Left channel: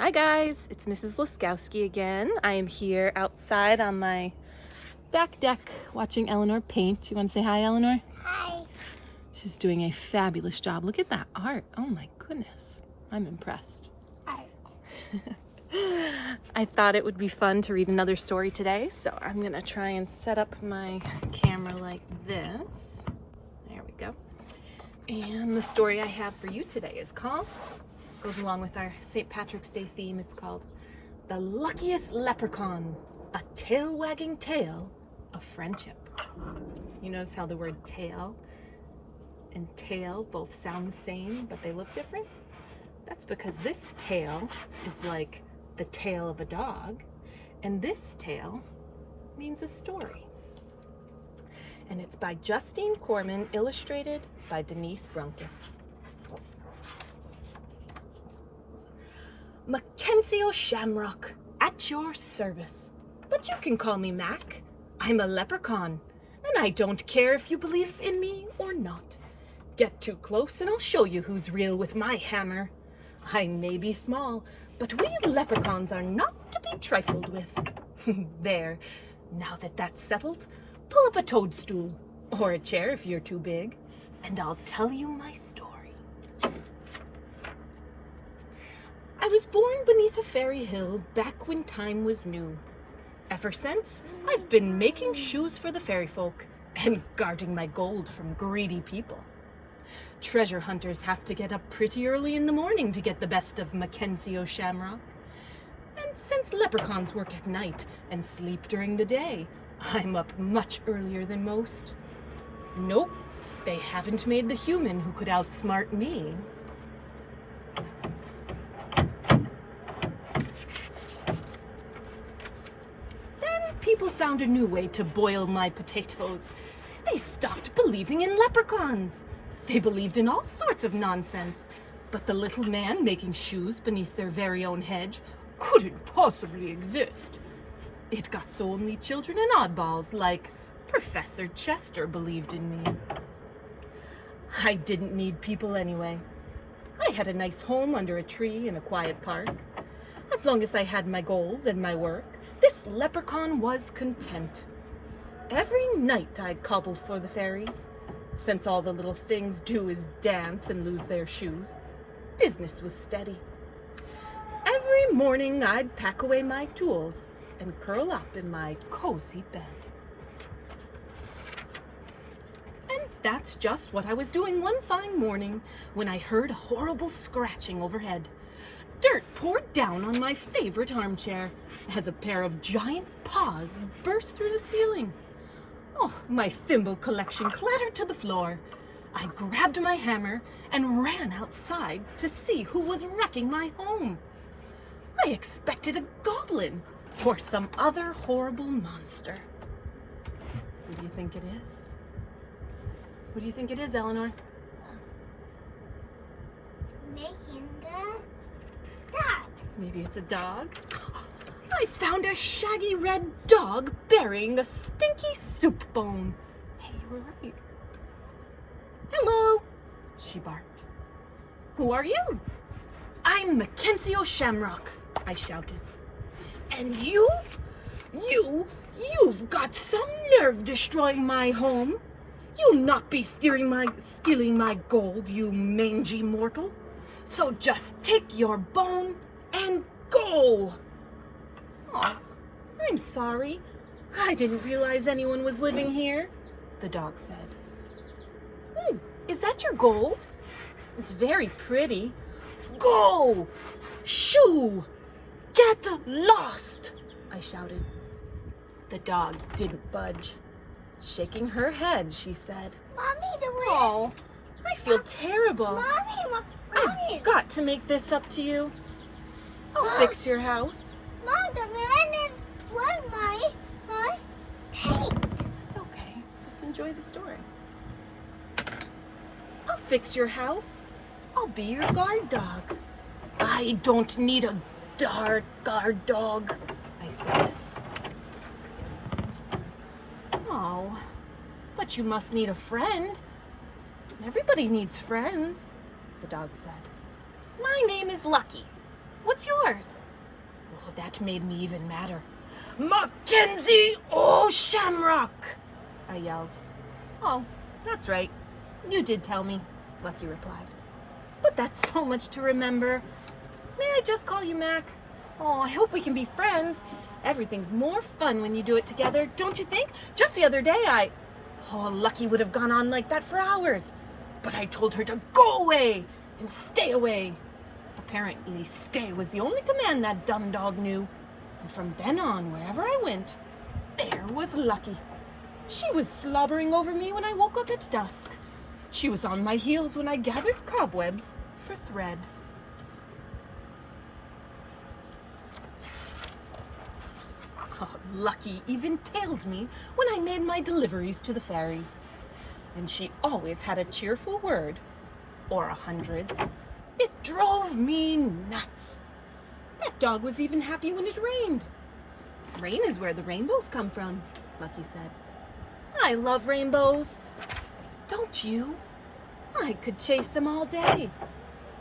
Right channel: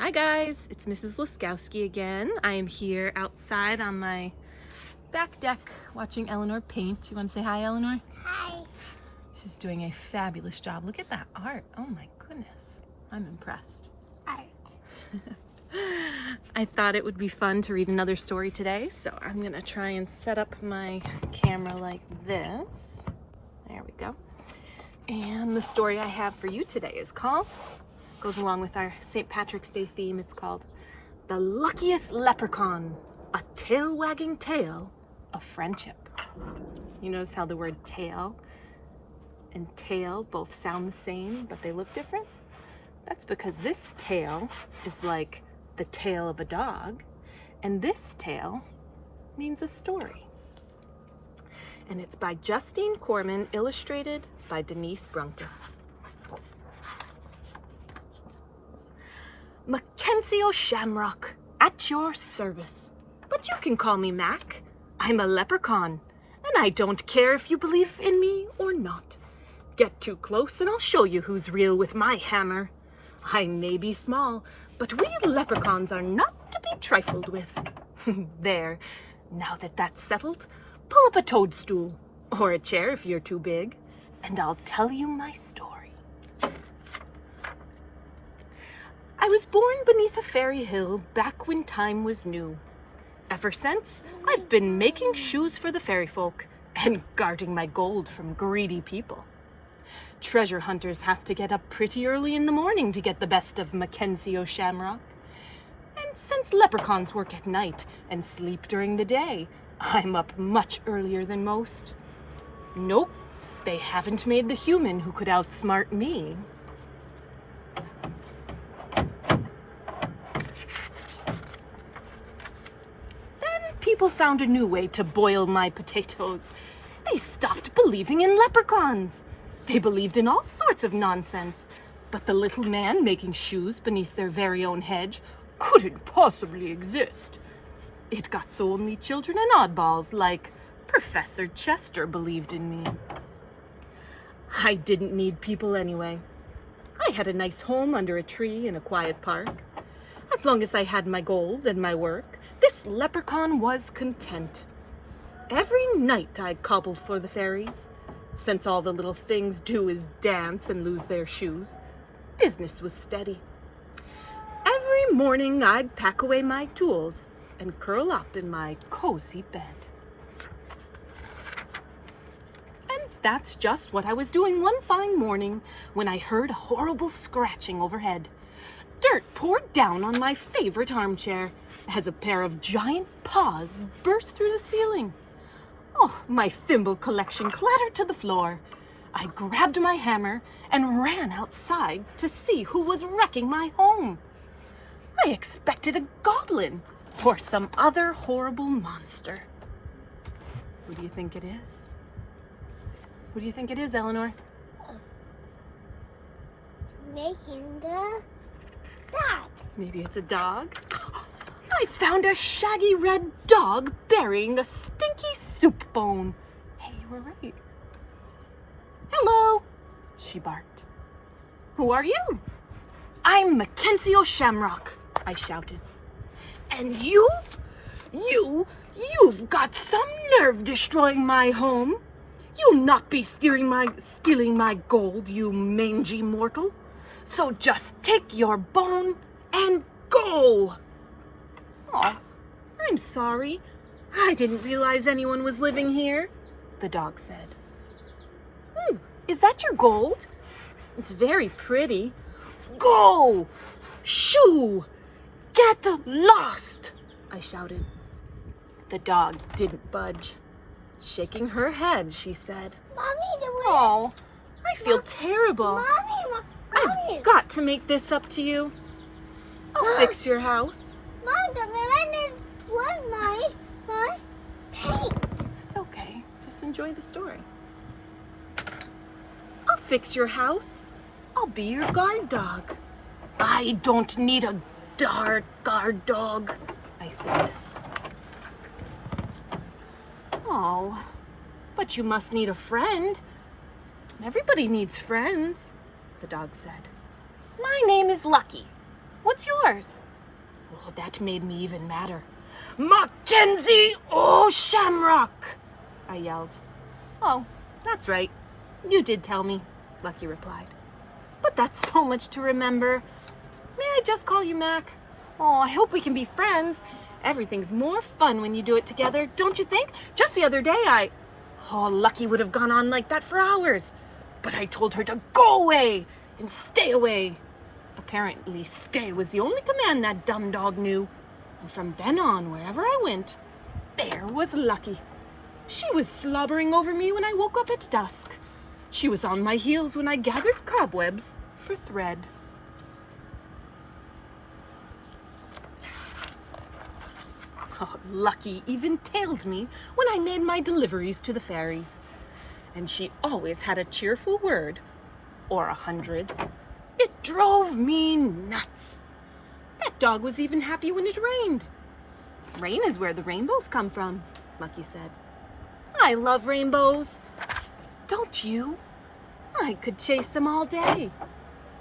Hi guys, it's Mrs. Laskowski again. I am here outside on my back deck watching Eleanor paint. You want to say hi, Eleanor? Hi. She's doing a fabulous job. Look at that art. Oh my goodness. I'm impressed. Art. I thought it would be fun to read another story today, so I'm going to try and set up my camera like this. There we go. And the story I have for you today is called, goes along with our St. Patrick's Day theme, it's called The Luckiest Leprechaun, a Tail-Wagging Tale of Friendship. You notice how the word tail and tail both sound the same, but they look different? That's because this tail is like the tail of a dog, and this tale means a story. And it's by Justine Corman, illustrated by Denise Brunkus. Mackenzie O'Shamrock, at your service. But you can call me Mac. I'm a leprechaun, and I don't care if you believe in me or not. Get too close and I'll show you who's real with my hammer. I may be small, but we leprechauns are not to be trifled with. There, now that that's settled, pull up a toadstool, or a chair if you're too big, and I'll tell you my story. I was born beneath a fairy hill back when time was new. Ever since, I've been making shoes for the fairy folk and guarding my gold from greedy people. Treasure hunters have to get up pretty early in the morning to get the best of Mackenzie O'Shamrock. And since leprechauns work at night and sleep during the day, I'm up much earlier than most. Nope, they haven't made the human who could outsmart me. People found a new way to boil my potatoes. They stopped believing in leprechauns. They believed in all sorts of nonsense, but the little man making shoes beneath their very own hedge couldn't possibly exist. It got so only children and oddballs like Professor Chester believed in me. I didn't need people anyway. I had a nice home under a tree in a quiet park. As long as I had my gold and my work, this leprechaun was content. Every night I'd cobble for the fairies. Since all the little things do is dance and lose their shoes, business was steady. Every morning I'd pack away my tools and curl up in my cozy bed. And that's just what I was doing one fine morning when I heard a horrible scratching overhead. Dirt poured down on my favorite armchair as a pair of giant paws burst through the ceiling. Oh, my thimble collection clattered to the floor. I grabbed my hammer and ran outside to see who was wrecking my home. I expected a goblin or some other horrible monster. Who do you think it is? Who do you think it is, Eleanor? Making the dog. Maybe it's a dog? I found a shaggy red dog burying a stinky soup bone. Hey, you were right. Hello, she barked. Who are you? I'm Mackenzie O'Shamrock, I shouted. And you've got some nerve destroying my home. You'll not be stealing my gold, you mangy mortal. So just take your bone and go. Oh, I'm sorry. I didn't realize anyone was living here, the dog said. Is that your gold? It's very pretty. Go! Shoo! Get lost! I shouted. The dog didn't budge. Shaking her head, she said, Mommy, the way. Oh, I feel terrible. Mommy. I've got to make this up to you. I'll fix your house. Mom, the man is what my paint. It's okay. Just enjoy the story. I'll fix your house. I'll be your guard dog. I don't need a guard dog, I said. Oh, but you must need a friend. Everybody needs friends, the dog said. My name is Lucky. What's yours? Oh, that made me even madder. Mackenzie O'Shamrock! I yelled. Oh, that's right. You did tell me, Lucky replied. But that's so much to remember. May I just call you Mac? Oh, I hope we can be friends. Everything's more fun when you do it together, don't you think? Just the other day Oh, Lucky would have gone on like that for hours. But I told her to go away and stay away. Apparently, stay was the only command that dumb dog knew. And from then on, wherever I went, there was Lucky. She was slobbering over me when I woke up at dusk. She was on my heels when I gathered cobwebs for thread. Oh, Lucky even tailed me when I made my deliveries to the fairies. And she always had a cheerful word, or 100. It drove me nuts. That dog was even happy when it rained. Rain is where the rainbows come from, Lucky said. I love rainbows. Don't you? I could chase them all day.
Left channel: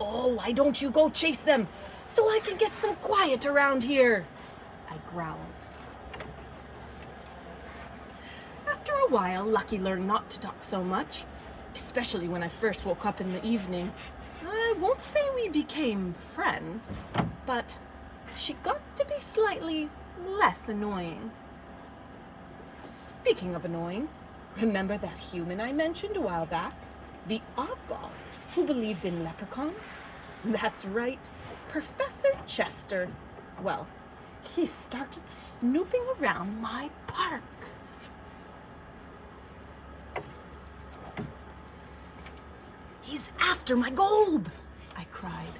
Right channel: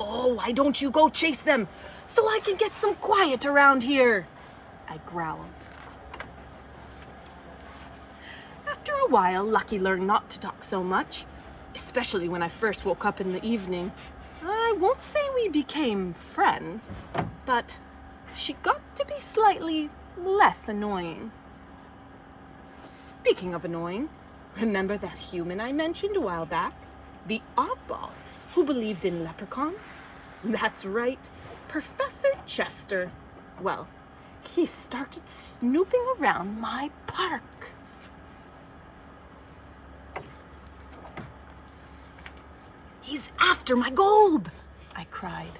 Oh, why don't you go chase them so I can get some quiet around here? I growled. After a while, Lucky learned not to talk so much, especially when I first woke up in the evening. I won't say we became friends, but she got to be slightly less annoying. Speaking of annoying, remember that human I mentioned a while back? The oddball who believed in leprechauns? That's right, Professor Chester. Well, he started snooping around my park. He's after my gold, I cried.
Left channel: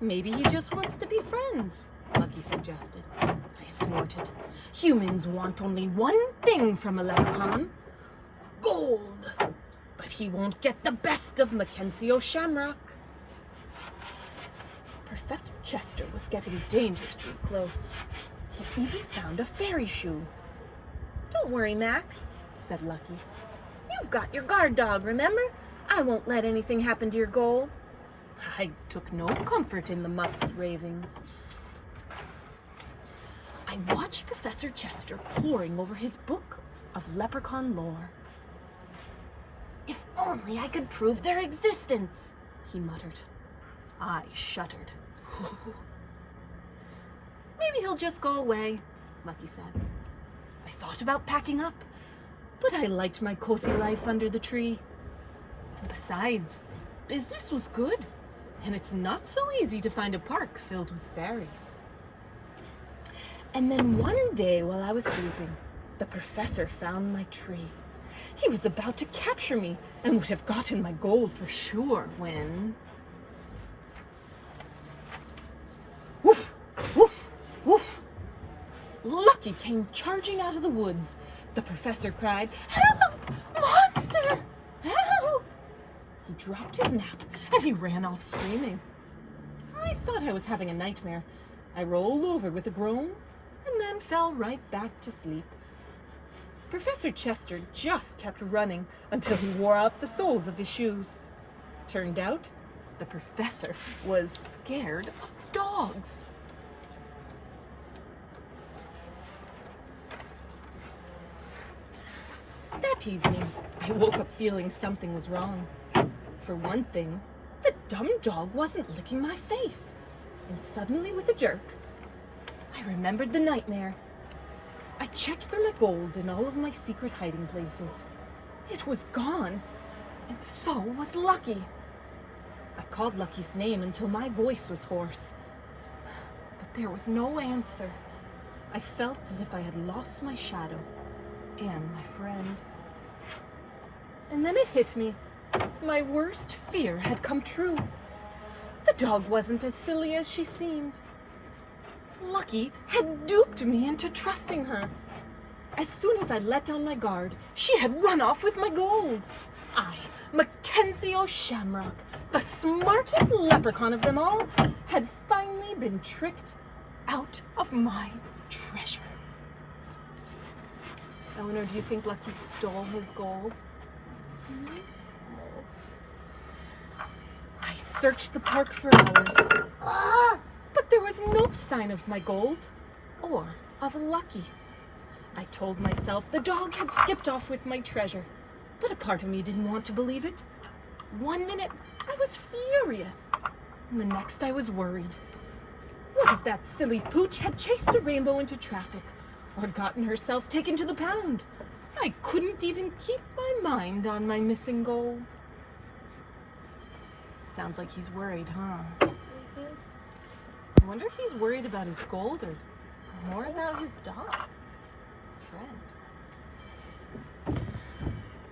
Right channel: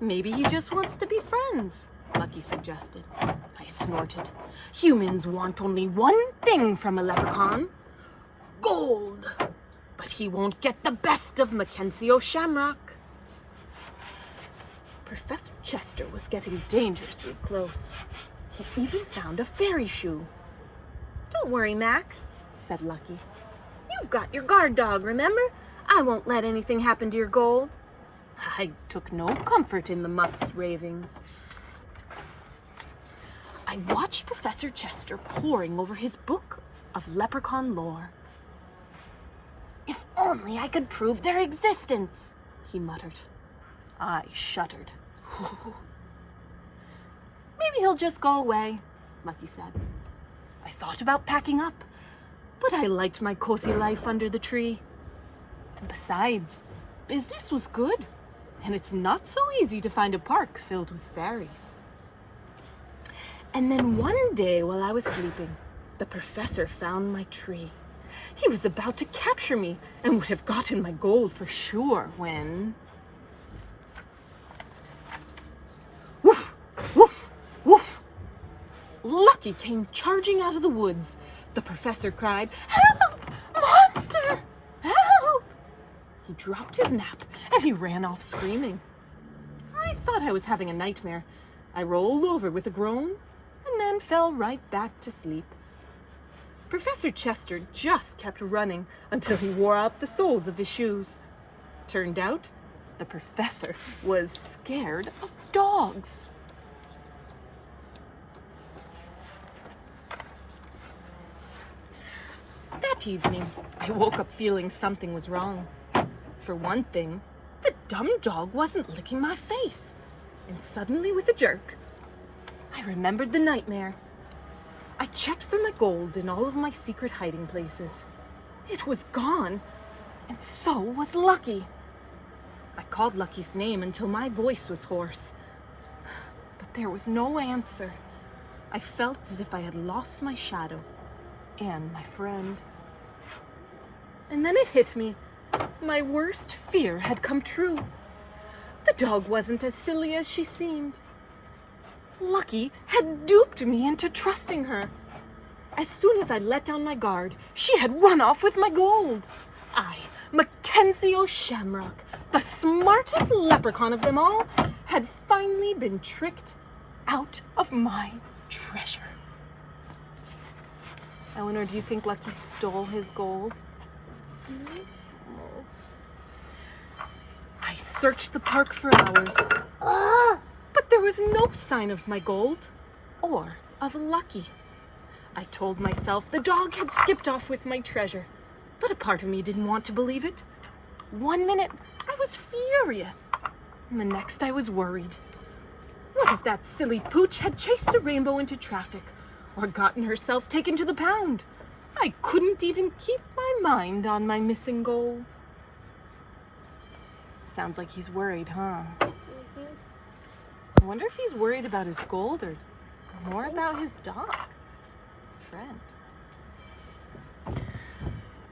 Maybe he just wants to be friends, Lucky suggested. I snorted. Humans want only one thing from a leprechaun. Gold. But he won't get the best of Mackenzie O'Shamrock. Professor Chester was getting dangerously close. He even found a fairy shoe. Don't worry, Mac, said Lucky. You've got your guard dog, remember? I won't let anything happen to your gold. I took no comfort in the mutt's ravings. I watched Professor Chester poring over his book of leprechaun lore. If only I could prove their existence, he muttered. I shuddered. Maybe he'll just go away, Lucky said. I thought about packing up, but I liked my cozy life under the tree. And besides, business was good, and it's not so easy to find a park filled with fairies. And then one day while I was sleeping, the professor found my tree. He was about to capture me and would have gotten my gold for sure when... Woof! Woof! Woof! Lucky came charging out of the woods. The professor cried, "Help! Monster! Help!" He dropped his map and he ran off screaming. I thought I was having a nightmare. I rolled over with a groan and then fell right back to sleep. Professor Chester just kept running until he wore out the soles of his shoes. Turned out, the professor was scared of dogs. That evening, I woke up feeling something was wrong. For one thing, the dumb dog wasn't licking my face. And suddenly, with a jerk, I remembered the nightmare. I checked for my gold in all of my secret hiding places. It was gone, and so was Lucky. I called Lucky's name until my voice was hoarse. But there was no answer. I felt as if I had lost my shadow and my friend. And then it hit me. My worst fear had come true. The dog wasn't as silly as she seemed. Lucky had duped me into trusting her. As soon as I let down my guard, she had run off with my gold. I, Mackenzie O'Shamrock, the smartest leprechaun of them all, had finally been tricked out of my treasure. Eleanor, do you think Lucky stole his gold? I searched the park for hours, but there was no sign of my gold or of Lucky. I told myself the dog had skipped off with my treasure, but a part of me didn't want to believe it. 1 minute, I was furious, and the next I was worried. What if that silly pooch had chased a rainbow into traffic or gotten herself taken to the pound? I couldn't even keep my mind on my missing gold. Sounds like he's worried, huh? I wonder if he's worried about his gold or more about his dog, friend.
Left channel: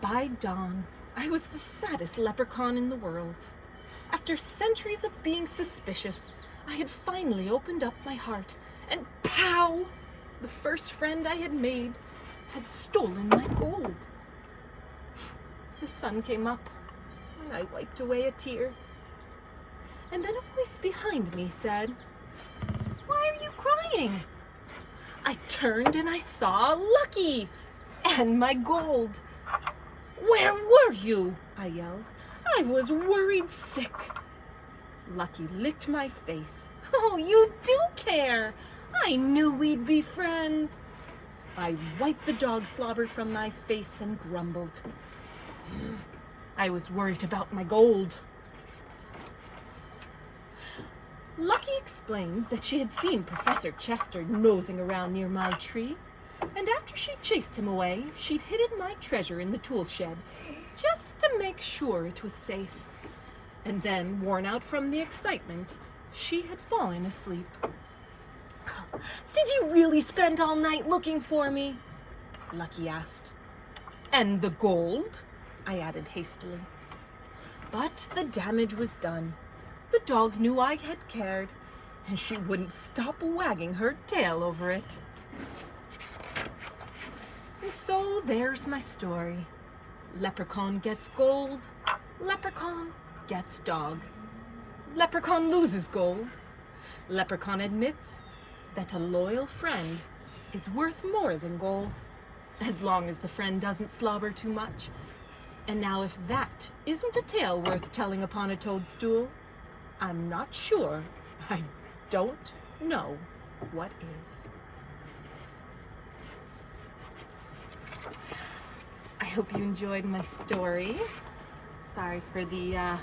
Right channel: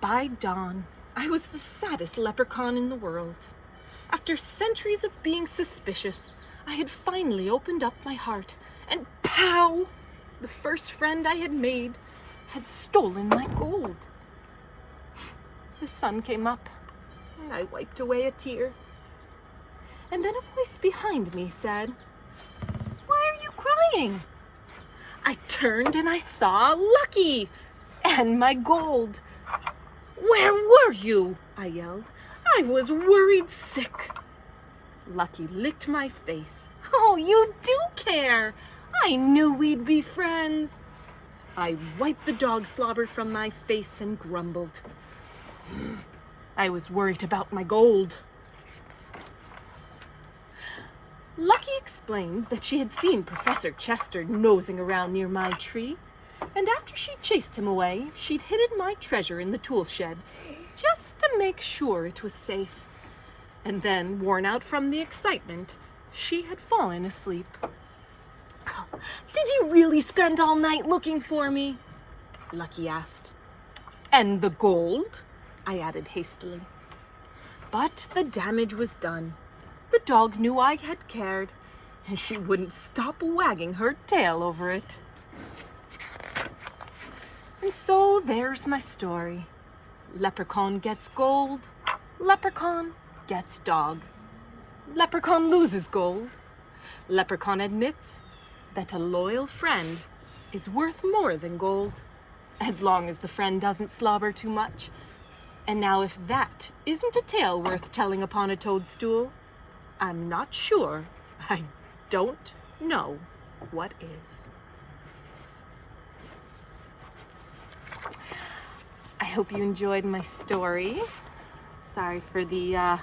By dawn, I was the saddest leprechaun in the world. After centuries of being suspicious, I had finally opened up my heart, and pow! The first friend I had made had stolen my gold. The sun came up, and I wiped away a tear. And then a voice behind me said, "Why are you crying?" I turned and I saw Lucky and my gold. "Where were you?" I yelled. I was worried sick. Lucky licked my face. "Oh, you do care. I knew we'd be friends." I wiped the dog slobber from my face and grumbled. I was worried about my gold. Lucky explained that she had seen Professor Chester nosing around near my tree, and after she chased him away, she'd hidden my treasure in the tool shed, just to make sure it was safe. And then, worn out from the excitement, she had fallen asleep. "Did you really spend all night looking for me?" Lucky asked. "And the gold?" I added hastily. But the damage was done. The dog knew I had cared, and she wouldn't stop wagging her tail over it. And so there's my story. Leprechaun gets gold. Leprechaun gets dog. Leprechaun loses gold. Leprechaun admits that a loyal friend is worth more than gold, as long as the friend doesn't slobber too much. And now if that isn't a tale worth telling upon a toadstool, I'm not sure. I don't know what is. I hope you enjoyed my story. Sorry for the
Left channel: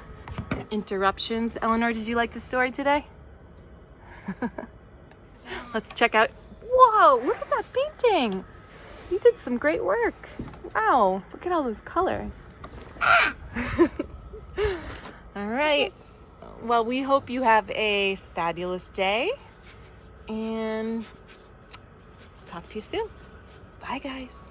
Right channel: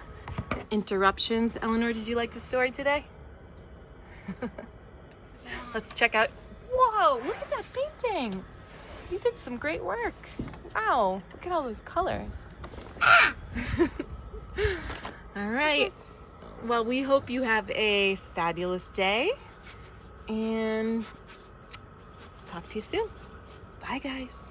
interruptions. Eleanor, did you like the story today? Let's check out. Whoa, look at that painting. You did some great work. Wow, look at all those colors. All right. Well, we hope you have a fabulous day, and talk to you soon. Bye, guys.